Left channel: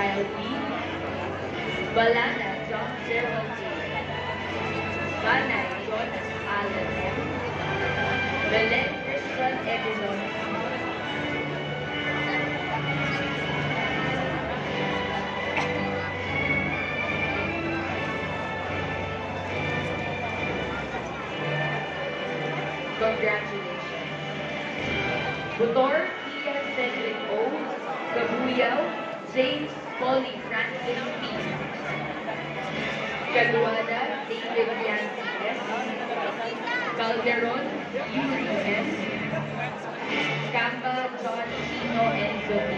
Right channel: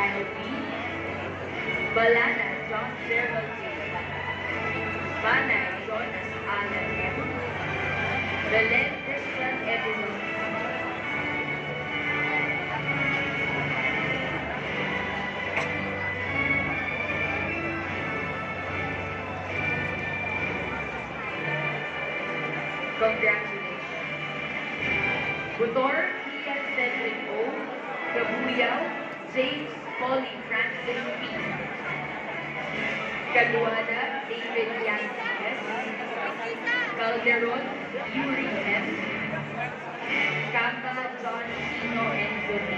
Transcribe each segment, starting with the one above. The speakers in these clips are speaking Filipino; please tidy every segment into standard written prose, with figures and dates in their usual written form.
Kyle B. Balana John Gerald A. Banay John Alan M. Belen Christian Edison. Congratulations. Butor Pia Cedric O. Kabuyaw James Polly Francis P. Caguada David Yancy S. Calderon Yuri S. Camba John Chino Enzo D.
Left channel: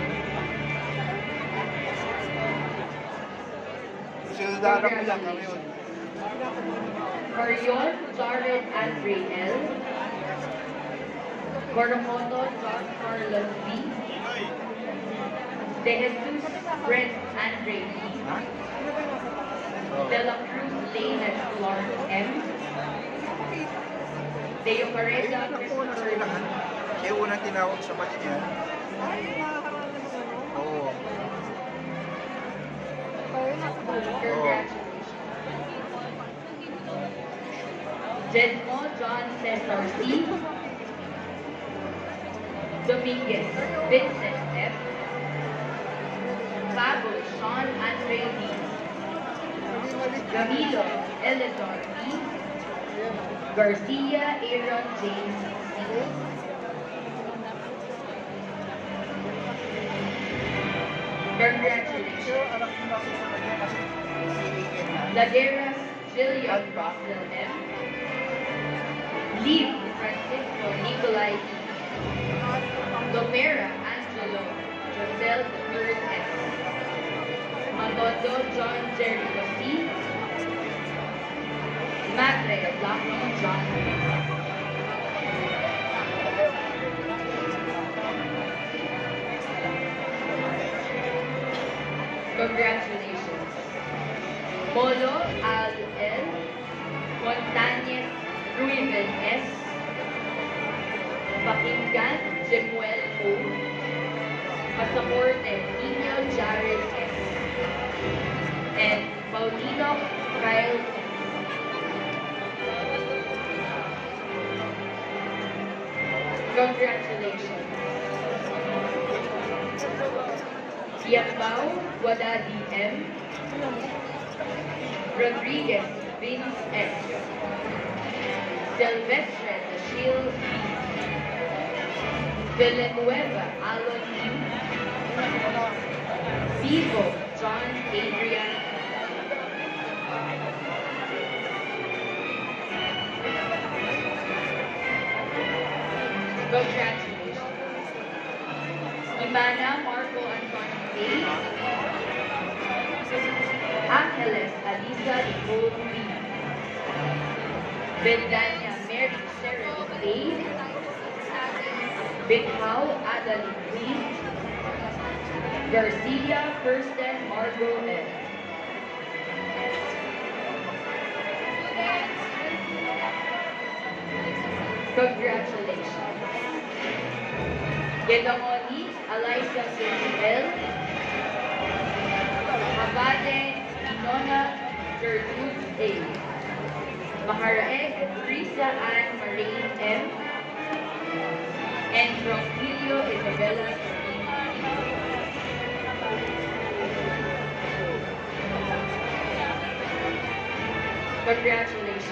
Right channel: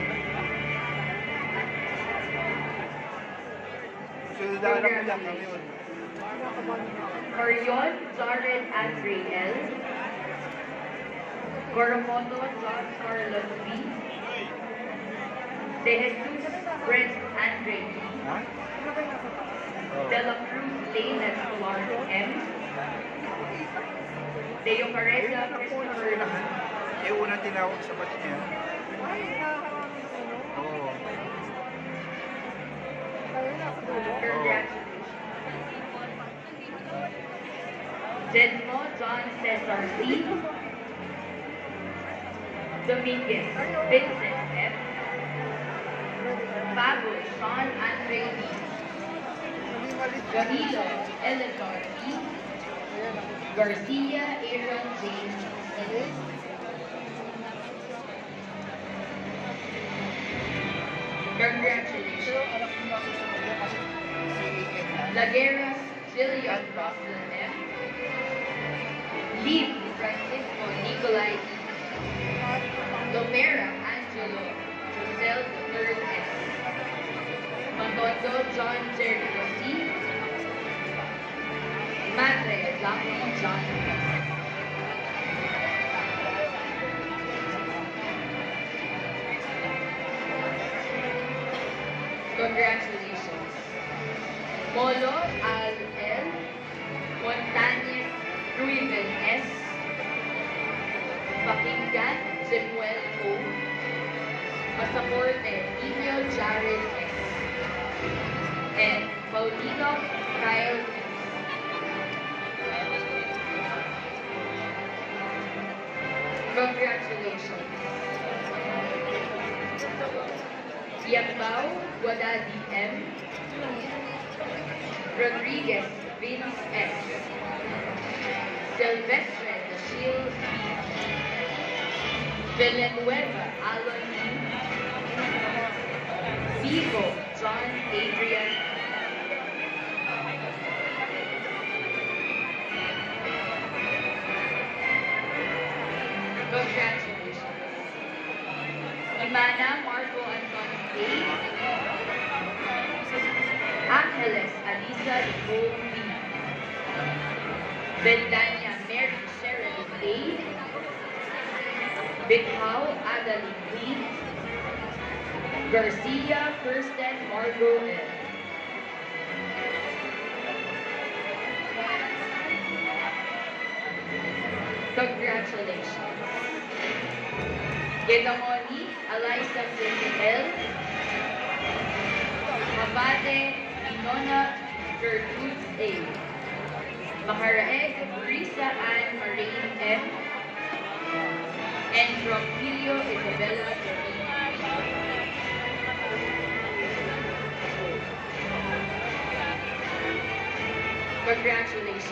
Congratulations. Corion Jared Andre L. Coromoto John Carlos B. De Jesus Brent Andre B. De La Cruz Lane Clark M. Deo Carrera Christopher B. Yung unang tinawag sa batch niya. Oo. Congratulations. Jedmo John Cesar C. Dominguez Vincent F. Pablo Sean Andre D. Danilo Eleanor E. Garcia Aaron James E. Congratulations. Laguera Jillian Rockville M. Lee Francisco Nicolai E. Lomera Angelo Rosel III S. Mandondo John Jericho C. Matre Lacno John S. Congratulations. Molo Al L. Montañez Ruiven S. Pakinggan Jemuel O. Pasaporte Nino Jared S. And Paulino Kyle S. Congratulations. Yambao Guadadi M. Rodriguez Vince S. Silvestre Dashiel B. Villanueva Alon U. Vivo John Adrian. Congratulations. Imana Marco Antonio A. Angeles Alisa Nicole B. Bendania Mary Cheryl A. Bithow Adeline Queen. Garcia Kirsten Margot L. Congratulations. Gedamoni Eliza L. Mabade Winona Gertrude A. Maharaeg Risa Ann Marine M. And Rogelio Isabella Congratulations.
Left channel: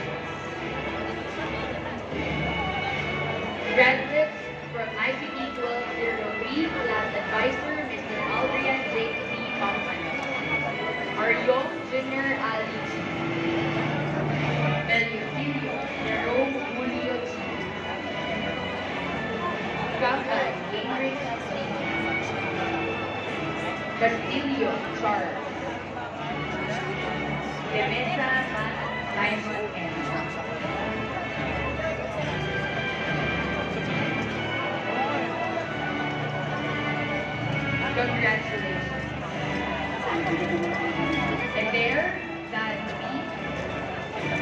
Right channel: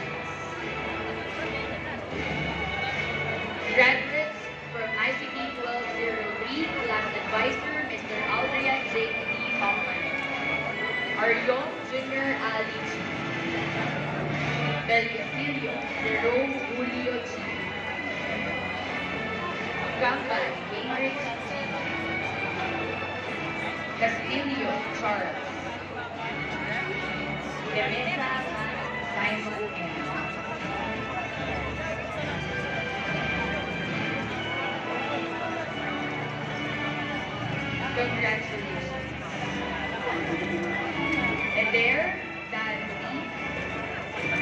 Graduates from ICT 1203, Class Advisor, Mr. Aldrian J. C. Hoffman. Arion Junior Ali G. Belicilio Jerome Julio G. Campbell Ingrid C. Castillo Charles. Demetra Simon M. Congratulations. And there, that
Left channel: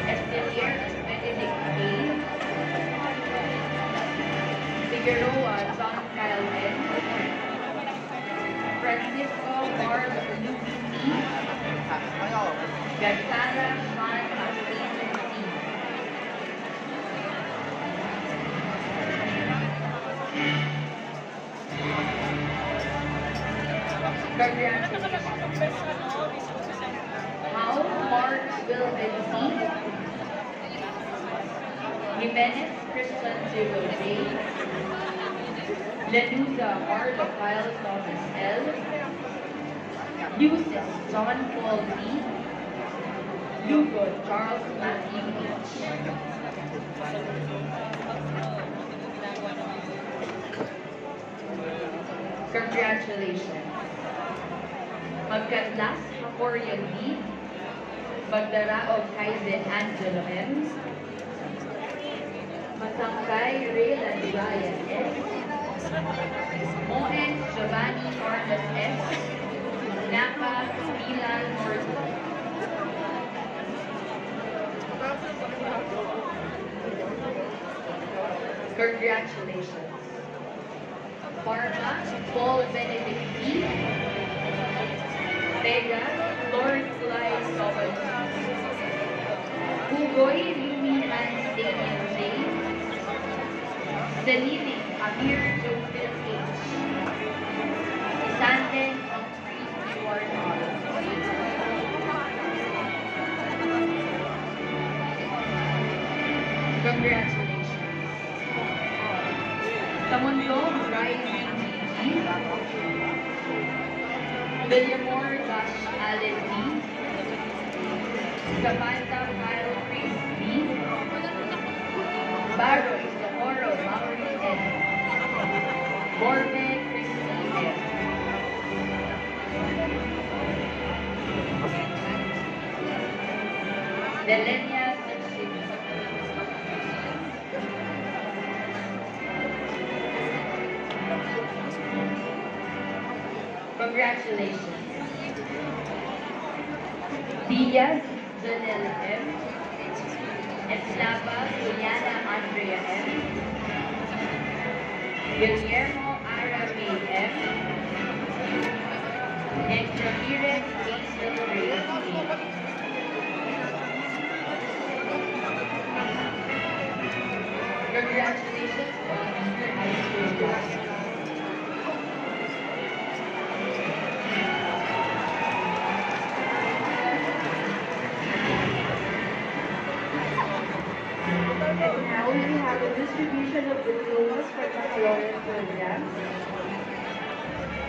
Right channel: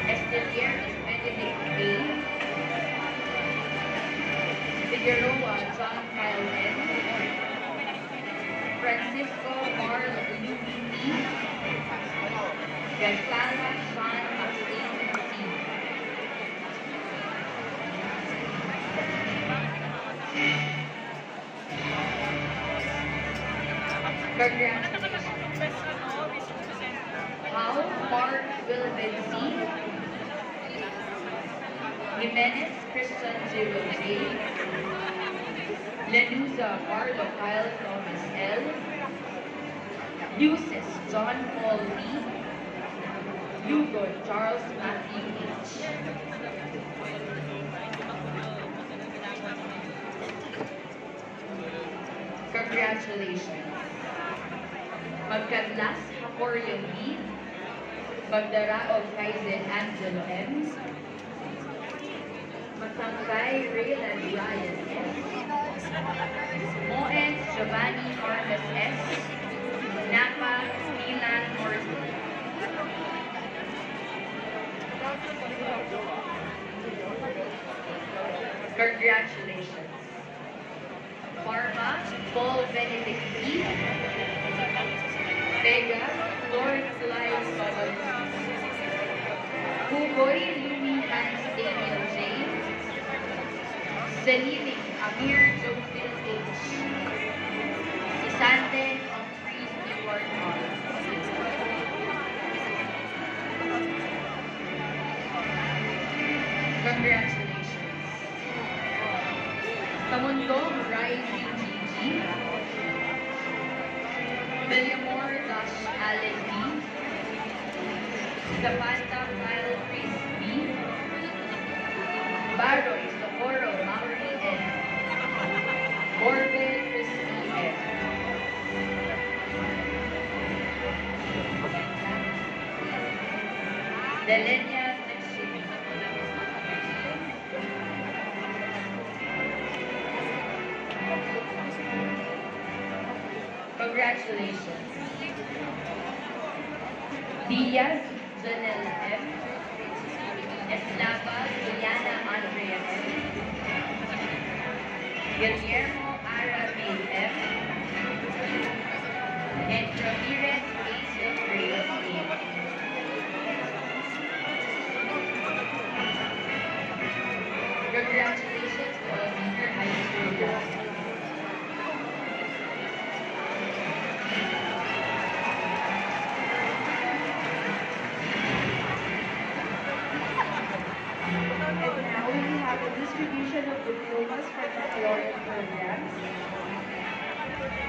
Estelier Benedict B. Figueroa John Kyle N. Francisco Mark Luby Gagsara Sean Martin T. Congratulations. How Mark Wilvin C. Jimenez Christian Zero J. Lenuza Marlo Kyle Thomas L. Lucis John Paul D. Lugo Charles Matthew H. Congratulations. Magkatlas Corian D. Magdaraog Kaizen Angelo M. Matangkay Raylan Ryan S. Moen Giovanni Carlos S. Napa Milan Martin. Congratulations. Parma Paul Benedict D. Vega Lord Kulay Sobel. Hugoy Louis Hans Daniel J. Selene Amir Joseph H. Isante Humphreys Stewart R. Congratulations. Tamundo Riley G. Villamor Dash Allen D. Samantha Kyle Chris B. Barrow Socorro Maury N. Morgan Christy F. Delenia Sexton. Congratulations. Diaz Janelle M. Eslava Juliana Andrea M. Guillermo Arabi M. And Ramirez Jason Reyes A. Congratulations to all senior high school classes. Now we have the distribution of diplomas for baccalaureate programs.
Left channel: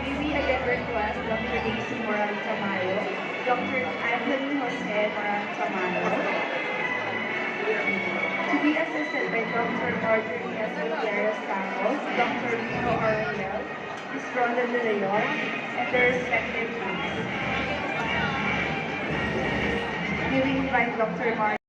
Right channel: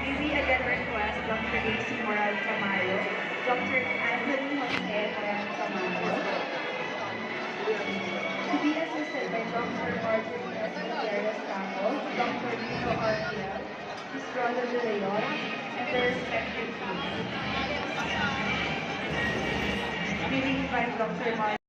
May we again request Dr. Daisy Moran Tamayo, Dr. Anthony Jose Moran Tamayo, to be assisted by Dr. Northern S. Gutierrez Campos, Dr. Rico Ariel, Ms. Rhonda De Leon, and their respective teams. May we invite Dr. Mark